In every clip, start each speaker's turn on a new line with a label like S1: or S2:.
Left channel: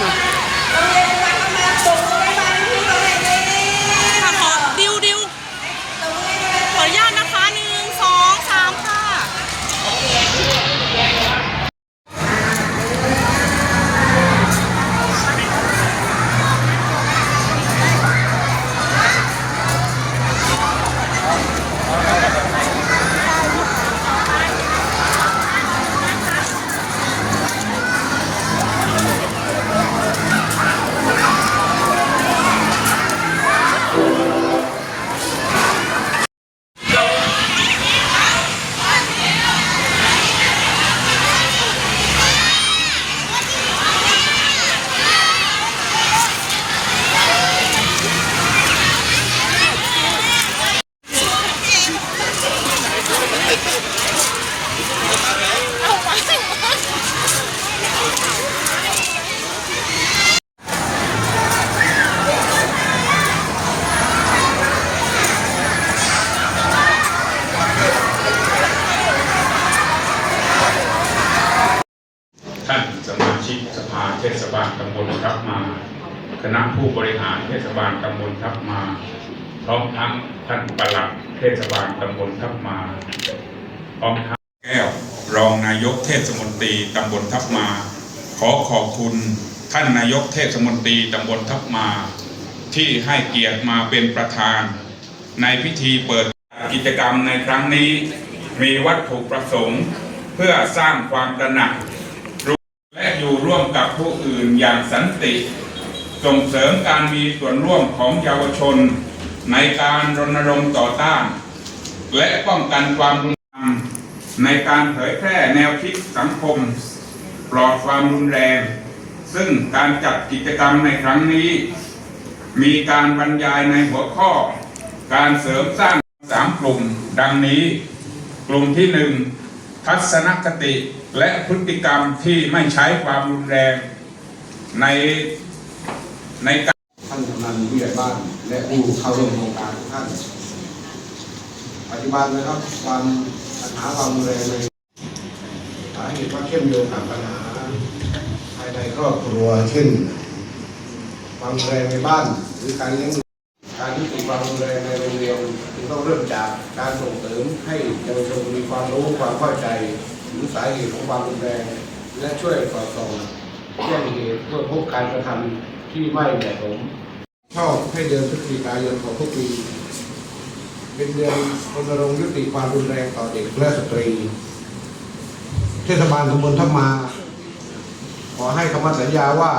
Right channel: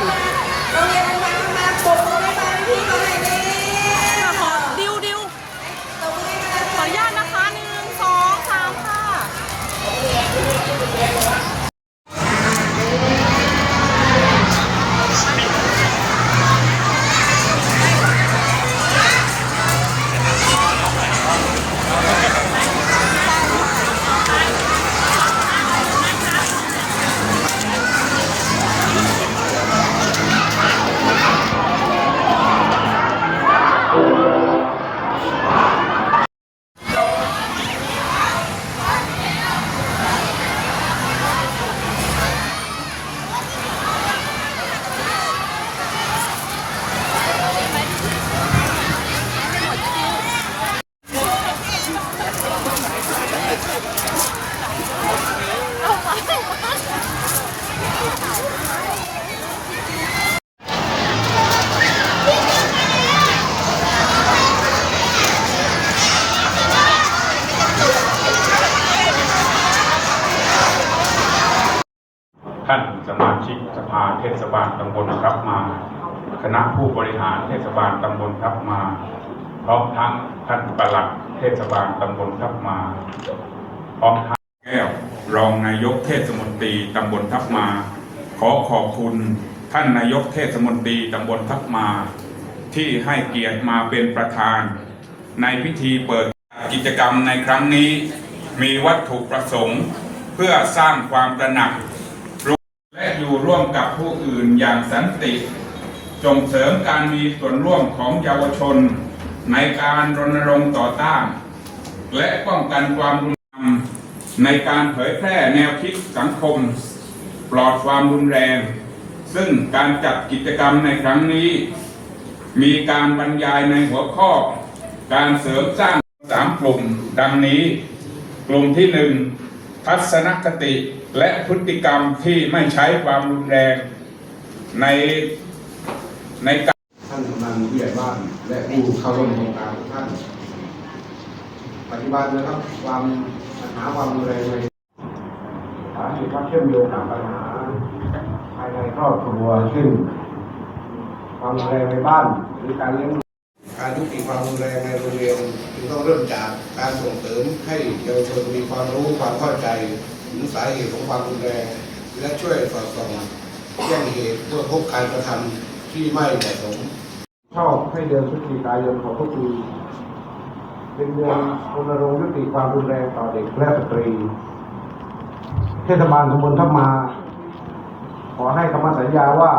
S1: Cooper. ภาเทศบาลตำบลทับมา คณะผู้บริหารเทศบาลตำบลทับมา พร้อมทั้งท่านปลัดเทศบาลตำบลทับมาพร้อมทั้งแก้วรองนายกเทศมนตรีตำบลทับมา ขอขอบคุณท่านนายกเทศมนตรีตำบลทับมา ที่ให้เกียรติมาเป็นประธาน ในพิธีเปิดกิจกรรมในครั้งนี้ มีวัตถุประสงค์ เพื่อสร้างความตระหนัก อยู่ร่วมกับผู้อื่นอย่างสันติ ส่งเสริมการมีส่วนร่วมของเยาวชน ในการรณรงค์ต่อต้าน และป้องกันความรุนแรงในการเผยแพร่แนวคิดสังคม ปลอดความรุนแรง ซึ่งการจัดกิจกรรมในครั้งนี้ มีการบรรยายในหัวข้อ การเสริมสร้างสามกลุ่ม ดังนี้ กลุ่มที่หนึ่ง ทัศนคติและพฤติกรรมที่ไม่ใช้ความรุนแรงในในการ
S2: ท่านกำนันผู้ใหญ่บ้าน และผู้เข้าร่วมโครงการทุกท่านปัจจุบันนะครับความปัญหาความรุนแรงในสาเหตุว่าเชื่อมโยงกับปัญหาภายในครอบครัวเช่นความรุนแรงในบ้านหรือการเลี้ยง การยุติความรุนแรงในโรงเรียนจึงต้องเริ่มจากการส่งเสริมให้เยาวชนมีความรู้ความเข้าใจถึงสาเหตุของความรุนแรง และช่วยสอดส่องแจ้งเหตุเพื่อพบการกระทำที่ไม่เหมาะสมชอบให้เดือนพฤศจิกายนของทุกปี เป็นเดือนรณรงค์ยุติความรุนแรงต่อเด็กและสตรี เทศบาลตำบลทับมา ขอให้คำมั่นสัญญาว่า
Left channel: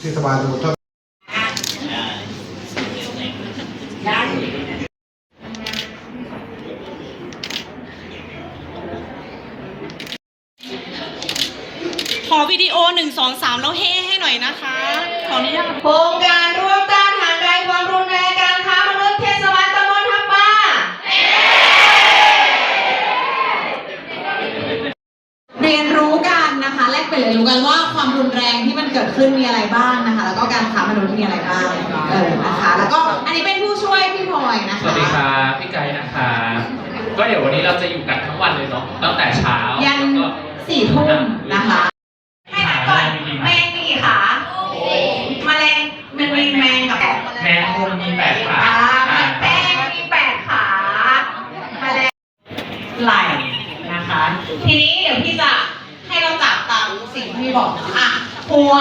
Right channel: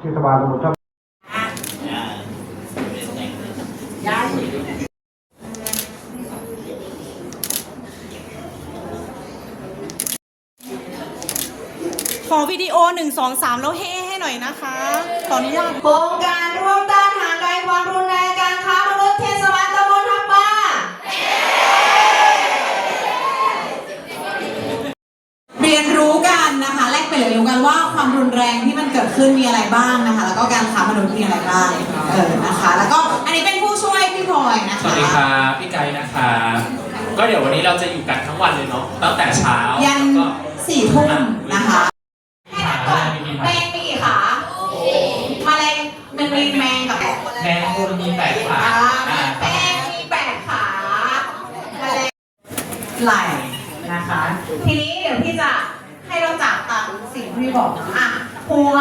S2: เทศบาลตำบลทับ
S3: ขอวิดีโอหนึ่งสองสามแล้วเฮ้ให้หน่อยนะคะ ขออนุญาต
S4: โครงการร่วมต้านทางไกลความรุนแรงการค้ามนุษย์เทศบาลตำบลทับมา
S5: เรียนรู้กันนะคะแลกเปลี่ยนเรียนรู้กันว่าความรุนแรงที่มันเกิดขึ้นมีอะไรบ้างนะคะ แล้วก็การค้ามนุษย์มีอะไรบ้างเออนะคะ แล้วก็อันนี้เป็นผู้ช่วยพี่พลอยนะคะ
S6: สวัสดีครับพี่ไก่นะครับก็เดี๋ยววันนี้เราจะอยู่กันทั้งวันเลยเนาะตั้งแต่เช้า
S5: ยัน
S6: แล้วก็
S5: สี่ทุ่มนะคะ ไหล่นะคะ
S4: ทีนี้เดี๋ยวพี่จะให้เราจับตามสิ่งที่พี่บอกนะอะหัว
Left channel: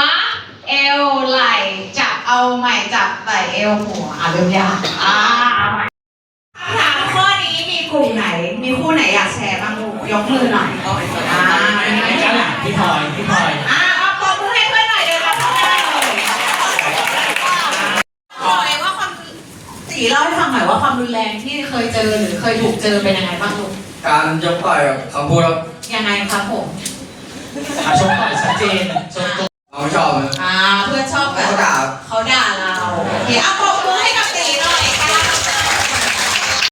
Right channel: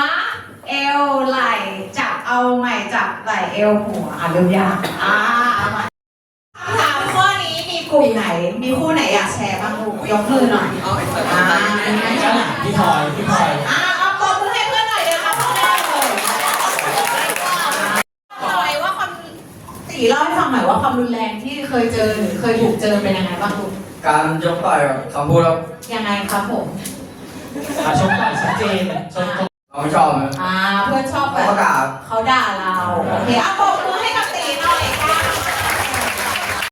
S4: เอวไหล่จับเอาใหม่จับไหล่เอวหัวอะเริ่มยากอ่าเอาใหม่คำถามข้อนี้มีกลุ่มไหน มีคู่ไหนอยากแชร์บ้างลูกยกมือหน่อยอ่ามีไหม
S6: ด้านหลังพี่พลอยพี่พลอย
S4: อ่าเอาปรบมือให้เพื่อนหน่อยเดี๋ยวเราทำได้เลย
S5: พลอยว่าความตีเล่าให้ฟังหน่อยว่าความรุนแรงที่เคยเจอหรือเคยถูกเจอเป็นยังไงบ้างลูก
S7: การยกต่อยกับคำพูดครับ
S5: ยังไงครับผม
S6: อะชมต่อยชัดเจนชม
S7: เรามชอบนะ
S5: อ่าเพื่อชอบแบเขา
S7: บ ด่า